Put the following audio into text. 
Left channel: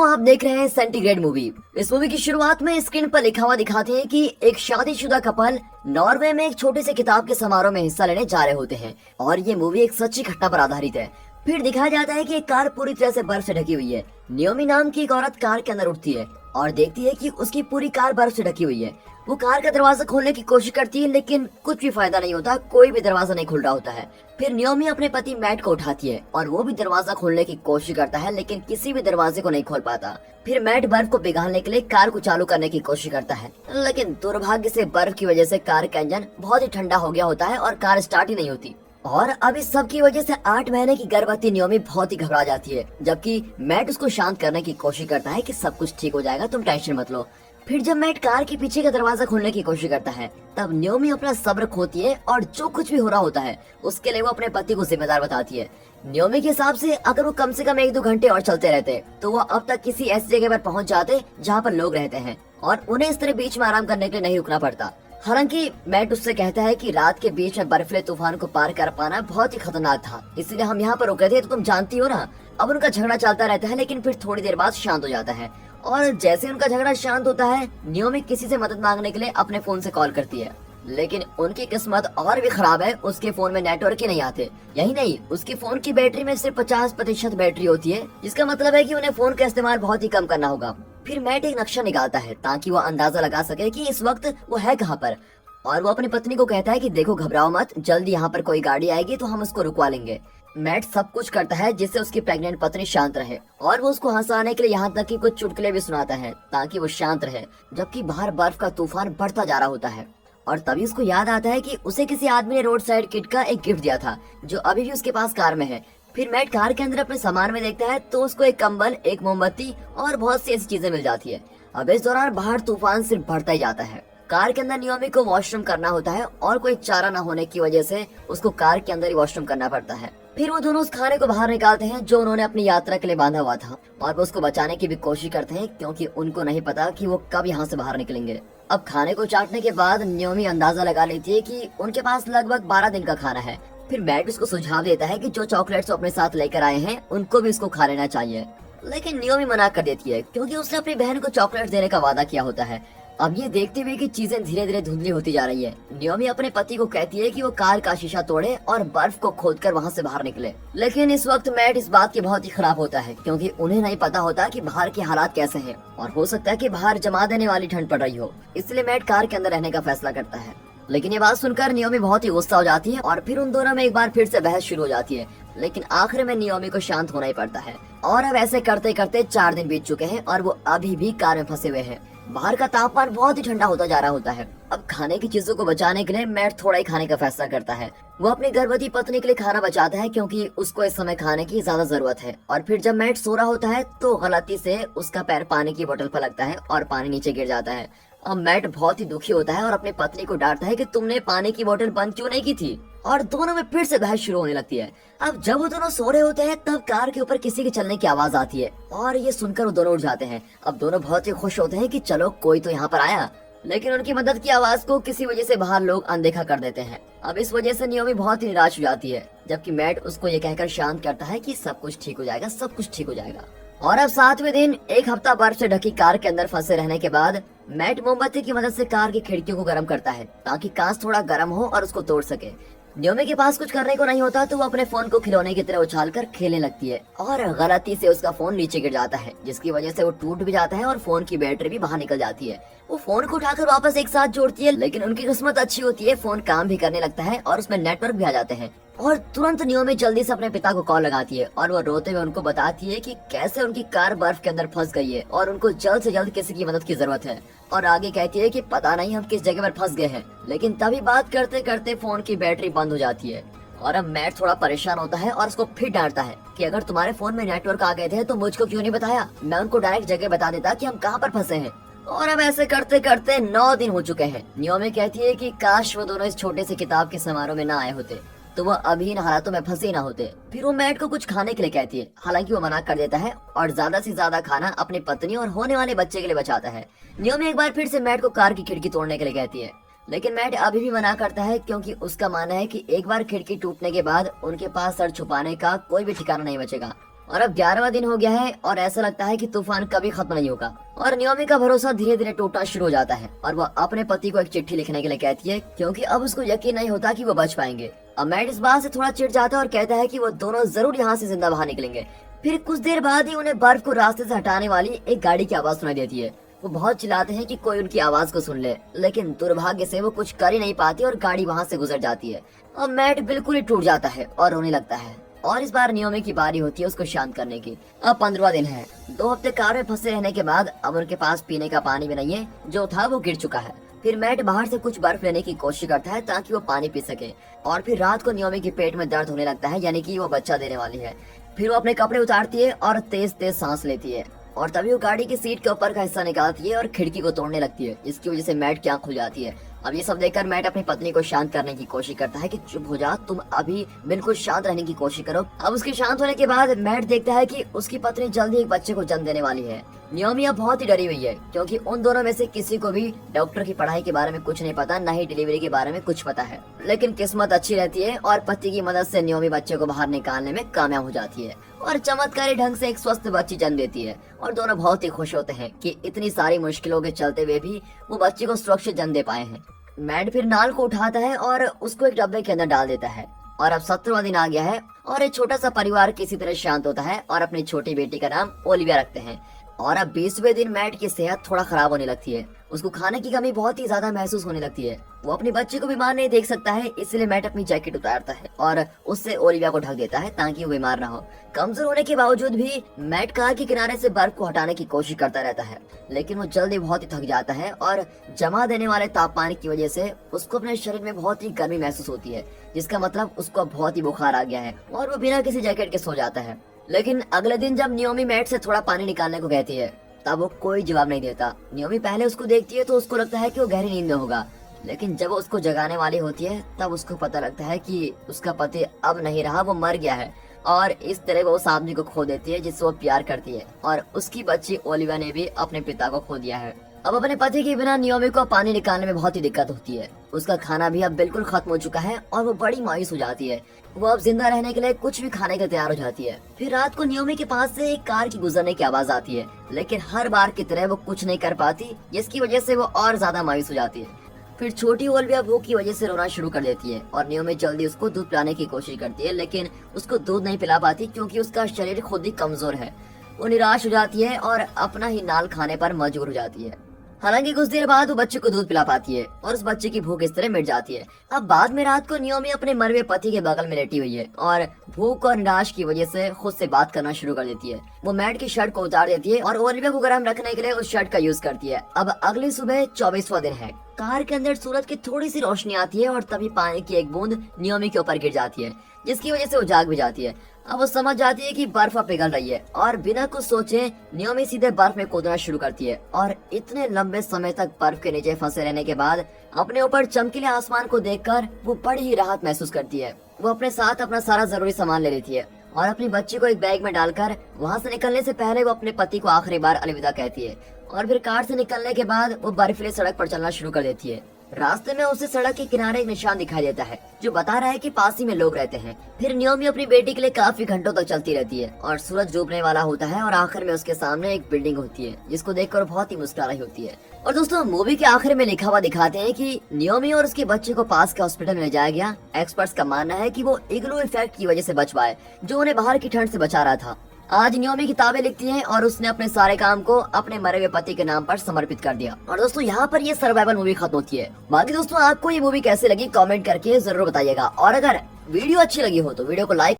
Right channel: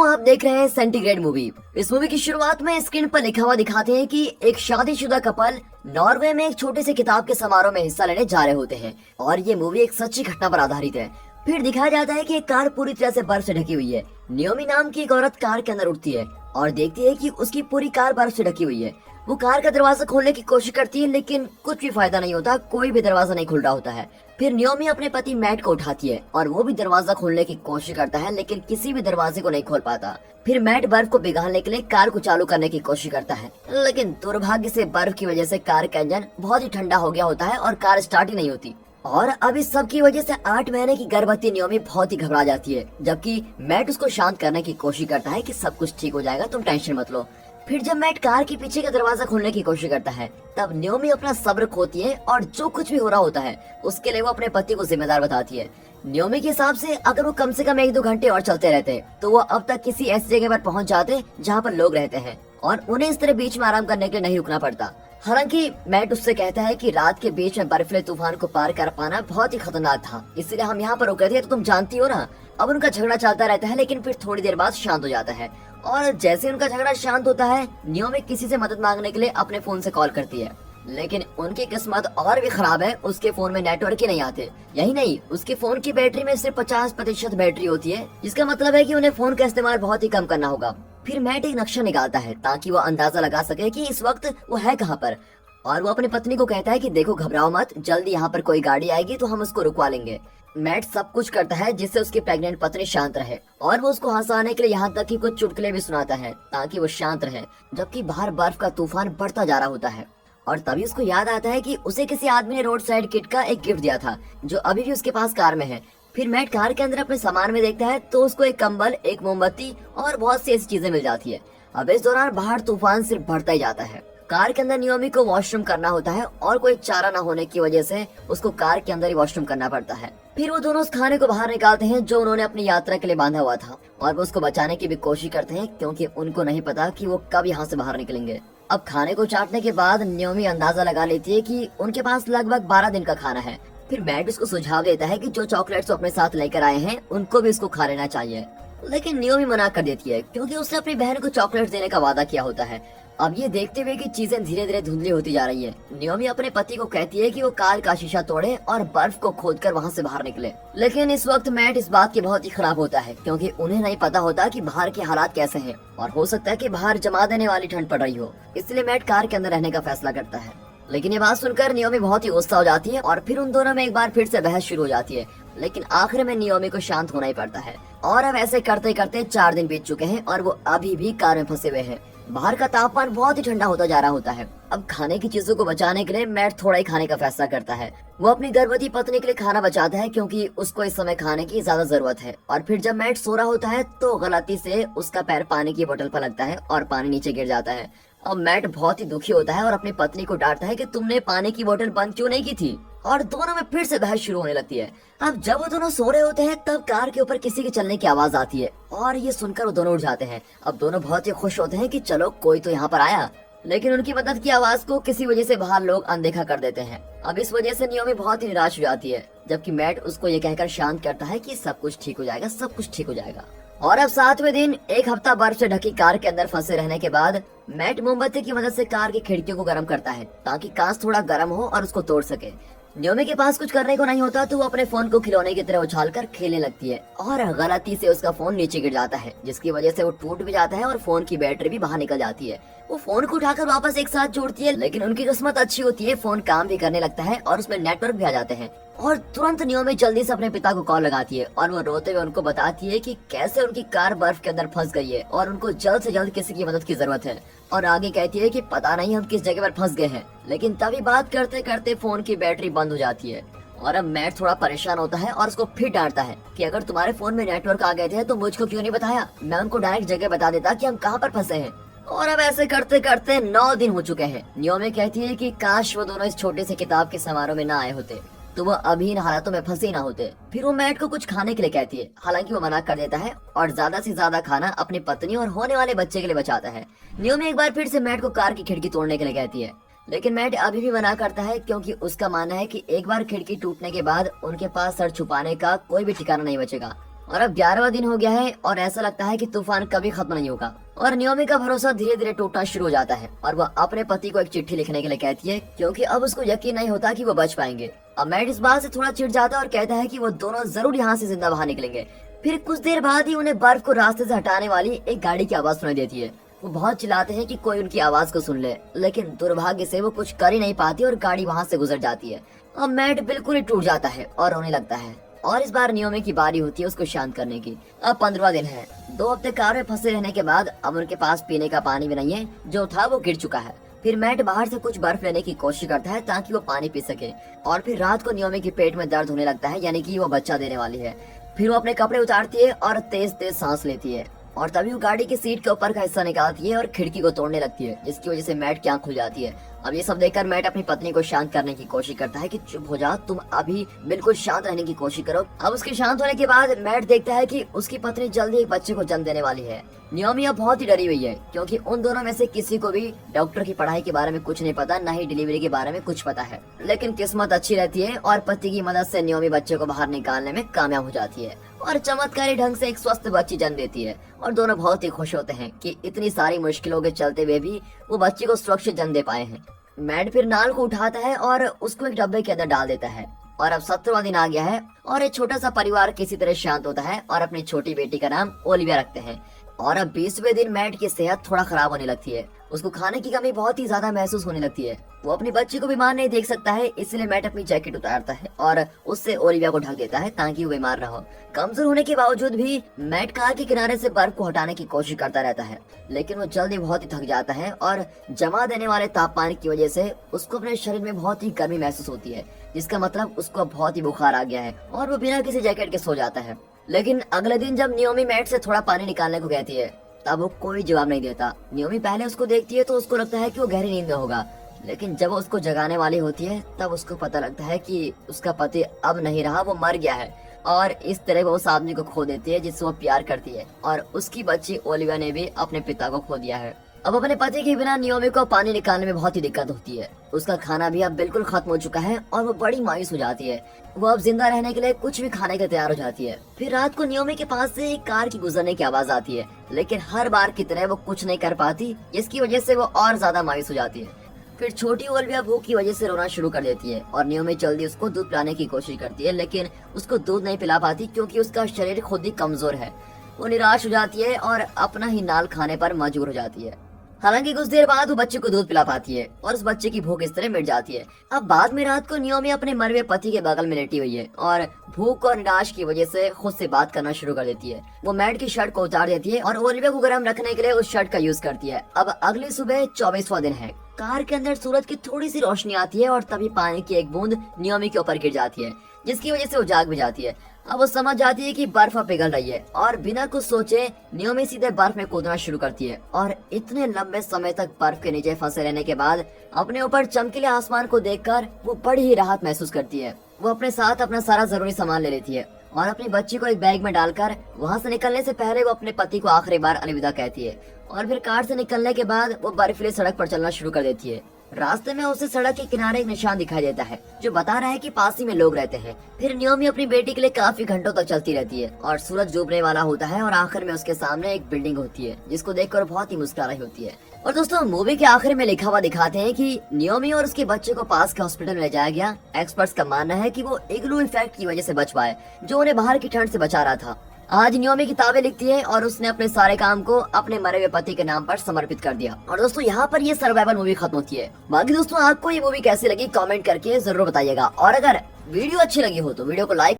दोस्तों आप देख रहे हैं सेंटीग्रेड मूवी। इस मूवी की शुरुआत में स्क्रीन पर लिखा हुआ दिखाते हैं कि एक शादीशुदा कपल नॉर्वे में एक छोटे से किताब के समारोह में हिस्सा लेने जा रहे होते हैं और ये मूवी एक सच्ची घटना पर आधारित है। फिर दिखाया जाता है कि एक कार पूरी तरह से बर्फ से ढकी हुई है। नियोमी नाम की एक औरत कार के अंदर उठती है और देखती है कि उसकी पूरी कार बर्फ से ढकी हुई है। वो कार का दरवाजा खोलने की कोशिश करती है लेकिन कुछ भी फायदा नहीं होता, कोई भी दरवाजा नहीं खुल रहा होता है। फिर नियोमी अपने पति मैट को उठाती है और वो भी दरवाजा खोलने की कोशिश करता है लेकिन किसी भी दरवाजे को नहीं खोल पाता। फिर मैट बर्फ को पिघालने के लिए कार को चालू करने की कोशिश करता है लेकिन दुर्भाग्य से बर्फ की वजह से कार का इंजन बहुत ही ठंडा हो गया होता है और कार स्टार्ट ही नहीं होती। और अब इस सब की वजह से 8 महीने की गर्भवती नियोमी बहुत ही घबरा जाती है, जबकि मैट उसको शांत करने की कोशिश करता है कि सब कुछ ठीक हो जाएगा, तुम टेंशन मत लो। फिर जब मैट कार के पीछे का दरवाजा खोलने की कोशिश करता है तब नियोमी अपना सब्र खोती है और जो कुछ भी हो रहा होता है उसके लिए वो अपने पति को जिम्मेदार बताती है। नियोमी के हिसाब से अगर वो कम से कम 1-2 घंटे और चलते रहते तो वो अब तक किसी ऐसी जगह पर पहुंच जाते जहाँ पर लोग रहते हैं और उन्हें इस तरह बीच में आराम करने के लिए नहीं रुकना पड़ता। हालांकि मैट उससे कहता है कि रात के बीच में बर्फीले तूफान को पार कर पाना बहुत ही खतरनाक था, इसलिए हम यहाँ पर रुके थे, तो तुम जानती हो ना। अब उनका झगड़ा चलता रहता है लेकिन फिर थोड़ी देर बाद शांत हो जाता है और जैसे उनका झगड़ा शांत होता है नियोमी किसी से मदद मांगने के लिए अपने फोन से कॉल करती है लेकिन उनकी किस्मत और भी खराब है, उसके फोन में नेटवर्क ही नहीं आते। यही नहीं, उसके फोन की बैटरी में सिर्फ 50% बैटरी होती है, जिसका मतलब है कि उन्हें फोन का इस्तेमाल बहुत ही कम करना होगा। फिर मैट एक नक्शा निकालता है ताकि वो अंदाजा लगा सके कि इस वक्त वो है कहाँ पर और वो अपनी पत्नी को कहता है कि देखो घबराओ मत, जल्दी यहाँ पर कोई गाड़ी आएगी तो हम उसको रुकवा लेंगे। मैट सब कुछ करता है जिससे उसकी प्रेग्नेंट पत्नी शांत रहे और वो उसको हंसाने के लिए यहाँ तक कि कुछ चुटकुले भी सुनाता है ताकि वो शांत रहे, जबकि बाहर बर्फ का तूफान बढ़ता जा रहा होता है। और तभी उसको याद आता है कि उसे किसी आदमी ने रोड साइड किट का एक गिफ्ट दिया था जो अभी भी उसके पास कार में है। फिर मैट कार के अंदर अपने सामान में देखता है तो उसको एक कंबल, एक मोमबत्ती और बहुत सी ऐसी चीजें मिल जाती है। अब इस दौरान बाहर तूफान सिर्फ बढ़ता ही जाता है। कार के अंदर नियोमी को वॉशरूम करना होता है और कोई चारा न होने की वजह से उसको कार के अंदर ही वॉशरूम करना पड़ता है। फिर वो दोनों उस खाने को बाहर निकालते हैं जो उन्होंने अपनी यात्रा के लिए बांधा हुआ था और वो उसको बचाने की भी कोशिश करते हैं क्योंकि उनको नहीं पता कि वो कब यहाँ से बाहर निकलेंगे। अब खाने को चाटने के बाद नियोमी अंदाजा लगा लेती है कि उनके पास लगभग 12 दिन का खाना है। फिर मैट उसको सुझाव देता है कि जो चॉकलेट्स अपने साथ लेकर आए हैं उनको भी उसको खा लेना चाहिए, लेकिन नियोमी मना कर देती है क्योंकि उसने अपनी बहन को चॉकलेट देने का वादा किया होता है। अब ये देखते हुए कि चीजें धीरे धीरे धुंधली होती जा रही है, नियोमी अपने पति को कहती है कि वो कार का शीशा तोड़े और बर्फ को खोदकर वहाँ से बाहर निकले। लेकिन इस वक्त मैट इस बात के बहुत ही खराब होता है क्योंकि उन्हें नहीं पता होता कि बाहर के हालात कैसे हैं और हो सकता है कि बाहर जमा देने वाली ठंड पड़ रही हो, इसलिए मैट कार के अंदर रहने का फैसला करता है। लेकिन ये बात सुनकर नियोमी बहुत ही गुस्सा हो जाती है और फिर उन दोनों में एक बार फिर से बहस शुरू हो जाती है, लेकिन आखिर में नियोमी को शांत होना ही पड़ता है। और अब ऐसे करते करते 4 दिन बीत चुके हैं और वो अभी भी कार में फंसे हुए हैं। बाहर का तापमान बहुत ही ठंडा होता जा रहा होता है। अब खाने की चीजों को बचाने के लिए मैट थोड़ा ही खाने का फैसला करता है। वो अपनी गर्भवती पत्नी के लिए खाना बचाता है क्योंकि उसको इस समय खाने की ज्यादा जरूरत है। और फिर जब मैट सो रहा होता है तो गलती से उसका पैर पानी की बोतल पर लगता है और पानी नीचे गिर जाता है। अब मैट बहुत ही दुखी होता है और अपनी पत्नी को डांटता है कि तुमने पानी की बोतल बंद क्यों नहीं की थी, और दोनों में फिर से बहस शुरू होने लगती है। अब जब वो दोनों सो रहे होते हैं तब कार के ऊपर किसी के चलने की आवाज आती है और ये सुनकर वो दोनों उठ जाते हैं। अब दोनों बहुत ही खुश होते हैं कि चलो कोई तो यहाँ पर आया, लेकिन उनकी मदद की आवाज को किसी वजह से बाहर लोग अनदेखा कर देते हैं। अब इस वजह से नियोमी बहुत ही निराश हो जाती है, जबकि मैट उसको ये कहकर शांत करता है कि सब कुछ ठीक हो जाएगा, सब कुछ ठीक हो जाएगा। और अब 7वें दिन एक हफ्ता बर्फ से ढकी कार के अंदर फंसे रहने के बाद मैट मोमबत्ती की मदद से कार की खिड़कियों को गर्म करता है ताकि कांच थोड़ा गर्म हो और उसको तोड़ सके। नियोमी के पास कुछ करने को नहीं होता तो वो अपने फोन को खिलौने की तरह उछालकर खेलने लगती है और गलती से उसका फोन नीचे गिर जाता है, जिसकी वजह से वो टूट भी जाता है और फोन की बैटरी भी बाहर निकल जाती है। वो फोन को उठाकर वापस एक साथ जोड़ती है, लेकिन उनकी किस्मत अच्छी होती है, फोन काम भी करने लगता है और उसमें नेटवर्क भी आ जाते हैं। और तुरंत नियोमी जल्दी से अपने पिता को कॉल लगाती है और वो रोते हुए उनको बताती है कि कैसे उनकी कार बर्फ के अंदर फंस गई है और उनको जल्द से जल्द किसी की मदद की जरूरत है। और आगे कहती है कि पता नहीं हम किस जगह पर फंस गए हैं, लेकिन तभी बात करते करते फोन की बैटरी बंद हो जाती है। और अब मैट थोड़ा परेशान होता है और उसको फिर डांटता है कि अगर तुम्हारे फोन में नेटवर्क आ गए थे तो मुझको क्यों नहीं बताया, मैं उनको डायरेक्ट जगह बता देता कि हम कहाँ पर फंसे हैं। और अब ऐसे करते करते 9 दिन हो चुके हैं। नियोमी कहती है कि काश वो दोनों इस छोटे से किताब के समारोह में ना आए होते तो वो अभी इन हालातों में फंसे ना होते। फिर वो मैट को कुछ खाने के लिए कहती है, हालांकि वो मना कर देता है और ज्यादा से ज्यादा खाना अपनी पत्नी और होने वाले बच्चे के लिए बचाता है। नियोमी एक बार फिर से मैट को कार की खिड़की तोड़ने के लिए कहती है, लेकिन मैट अभी भी मना करता है क्योंकि उसका मानना है कि एक बार खिड़की टूटने के बाद उनके पास सर छुपाने का कोई भी ठिकाना नहीं बचेगा और अब 11वां दिन हो गया है और ऐसा लगता है कि तूफान कभी खत्म नहीं होगा। और नियोमी का भरोसा धीरे धीरे टूटना शुरू हो जाता है और वह अपने पति को एक चिट्ठी लिखने के लिए कहती है, क्योंकि अब उसको यकीन नहीं होता कि वो बच पाएंगे। अब मैट इस बात से थोड़ा चिढ़ जाता है और कहता है कि वो दोनों जरूर यहाँ से जिंदा बाहर निकलेंगे। फिर कुछ देर बाद ही उन्हें बर्फ को रास्ते से हटाने वाली एक गाड़ी की आवाज सुनाई देती है। वो बहुत चिल्लाते हैं कि कोई उनकी आवाज को सुन ले, लेकिन दुर्भाग्य से वो कुछ कर ही नहीं पाती और गाड़ी वहाँ से गुजर जाती है। और मैट बिल्कुल ही टूट जाता है और रोने लगता है। और इस बार नियोमी की बारी होती है उसको शांत करने की। अब 15वां दिन है। 2 हफ्ते कार में फंसे रहने के बाद अब उनके पास पीने का पानी भी नहीं है, जो था वो गिर चुका है। फिर मैट बाहर से कुछ बर्फ लेने की कोशिश करता है ताकि वो पानी पी सके। और फिर रात को नियोमी के पेट में दर्द होने लगता है, यानी कि वो बच्चा देने वाली है। फिर वो अपने कपड़े उतारती है और तेज तेज सांस लेती है और तभी वो गाड़ी की सीट के ऊपर का हिस्सा निकालती है और खिड़की को तोड़ने लगती है, जिसकी वजह से मैट की आंख खुल जाती है। अब ये सब देखकर मैट अपनी पत्नी को शांत करने की कोशिश करता है कि चुप हो जा, तुम अभी बिल्कुल शांत रहने की कोशिश करो। अब उसके शांत होने के बाद मैट देखता है कि उसकी पत्नी जल्दी एक बच्चे को जन्म देने वाली है। नियोमी अब बहुत ही डरी हुई है, क्योंकि उन दोनों में से किसी को भी डॉक्टर की पढ़ाई के बारे में कुछ नहीं पता, न ही डिलीवरी के बारे में कुछ पता है। लेकिन किस्मत अच्छी रहती है और पति की मदद से नियोमी बच्चे को बाहर निकालने में कामयाब हो जाती है और चमत्कारी ढंग से एक स्वस्थ बच्ची जन्म देती है। और दोनों बहुत ही खुश होते हैं कि इतनी सारी मुश्किलों के चलते हुए भी वो बच्ची को सुरक्षित जन्म दे पाए हैं। मैट फिर नाल को उठाता है और उसको एक डब्बे के अंदर डाल देता है। और अब 17वां दिन आ गया है और एक छोटा सा परिवार किसी तरह शांत होता है और अपनी छोटी बेटी का नाम ओलिविया रखते हैं। और अब 20वें दिन मैट की सेहत थोड़ा खराब होने लगती है। उसको खाने की कमी बहुत ही ज्यादा महसूस होने लगती है। वो अपनी बच्ची को बीमार नहीं देख सकता है, इसलिए मैट अपनी जैकेट उतारता है और उससे ओलिविया को ढक देता है ताकि वो बीमार न हो। कमजोर होने के बावजूद भी मैट कार के किनारे से बर्फ को हटाने की कोशिश करता रहता है, लेकिन वो जल्दी बहुत ही थक जाता है और जमा देने वाले तापमान की वजह से उसको अपने शरीर में बहुत ही गर्मी महसूस होती है, जिसका मतलब उसको बहुत ही बुखार आ गया है और वो बिना किसी जैकेट के सो जाता है। लेकिन अगले दिन जब नियोमी मैट से थोड़ा पानी निकालने को कहती है, तब वो कोई जवाब नहीं देता। नियोमी पहले उसको देखती है तो उसको लगता है कि वो गहरी नींद में होगा, लेकिन जब वो उसको जगाने वाली होती है तब उसको पता लगता है कि उसका पति अब नहीं रहा, वो मर गया है। और इस तरह वो उस आदमी को खो देती है जिससे वो प्यार करती है और उसकी बच्ची ओलिविया ने भी अपने पिता को खो दिया है। अब अपने पति के बिना नियोमी को पानी निकालने में बहुत ही दिक्कत होती है। उसका खाना भी अब बिल्कुल खत्म हो चुका है और वो बड़ी मायूस हो जाती है। वो अब जिंदा रहने के लिए कुछ भी खाने के तैयार हो जाती है। फिर रात को नियोमी के पास से एक कार की गुजरने की आवाज आती है, लेकिन हर बार की तरह वो कुछ नहीं कर पाती, जिसकी वजह से वो और ज्यादा मायूस हो जाती है। फिर छोटी ओलिविया भूख की वजह से रोना शुरू कर देती है और नियोमी जल्दी उसको दूध पिलाने की कोशिश करती है, लेकिन उसको दूध नहीं पिला पाती क्योंकि उसका शरीर खुद ही कमजोर है। वो निराश हो जाती है और अपना ही नाल खाने पर मजबूर हो जाती है। हालांकि कुछ देर बाद वो बच्चे को दूध पिला पाती है और उस बच्चे की भूख इस तरह मिट जाती है। अब बाद में रात को नियोमी अपने मरे हुए पति के बगल में लेटी हुई है और भूख और निराश की वजह से खुद से बात करना शुरू कर देती है। वो मैट की शर्ट को उतार देती है और ओलिविया को गर्म रखने के लिए उस शर्ट का यूज करती है। अब अगली सुबह 24वां दिन है। कार के अंदर सूरज की थोड़ी सी रोशनी आती है और तभी पानी की एक बूंद नियोमी के ऊपर गिर जाती है, जिसकी वजह से वो जाग भी जाती है। अब वो समझ जाती है कि बर्फ पिघल रही है और बिना कुछ सोचे नियोमी सीधे बर्फ में कूदना शुरू करती है। और इतने लंबे समय तक बर्फ के नीचे फंसे रहने के बाद अपने ऊपर चमकीले आसमान को देखकर वो बड़ी ही राहत महसूस करती है। वो अपने साथ अपना सारा जरूरी सामान ले लेती है और अपनी बच्ची को एक बैग में डालकर वहाँ से निकलने से पहले वो अपने पति को आखिरी बार अलविदा कहती है। और फिर कार से निकलने के बाद वो बर्फीली सड़क पर चलना शुरू कर देती है। रास्ते में उसे सड़क के किनारे एक निशान दिखाई देता है जो बता रहा है कि पास ही में लोग रहते हैं। फिर नियोमी अपनी बेटी के लिए काफी घंटों तक चलती रहती है और सूरज डूबने वाला होता है और आखिर में उसके सामने एक बिल्डिंग होती है, जिसको देखकर बहुत ही मुस्कुरा रही होती है। और दोस्तों, मूवी के आखिर में लिखा हुआ दिखाते हैं कि नियोमी और उसके बच्चे को पास के हॉस्पिटल में ले जाया गया। एक्सपर्ट्स का मानना है कि वो इग्लू इफेक्ट की वजह से बच पाए, जो उन्हें बाहर की ठंड से बचा रहा था। आज नियोमी किताबें लिखती है और उसने अपने सारे काम को अपने मरे हुए पति के नाम पर समर्पित कर दिया। और दोस्तों, यहाँ पर ये सर्वाइवल मूवी खत्म होती है। बाकी दोस्तों, आपको ये मूवी कैसे लगी कमेंट करके जरूर बताइएगा और अगर वीडियो अच्छी लगी हो तो वीडियो को लाइक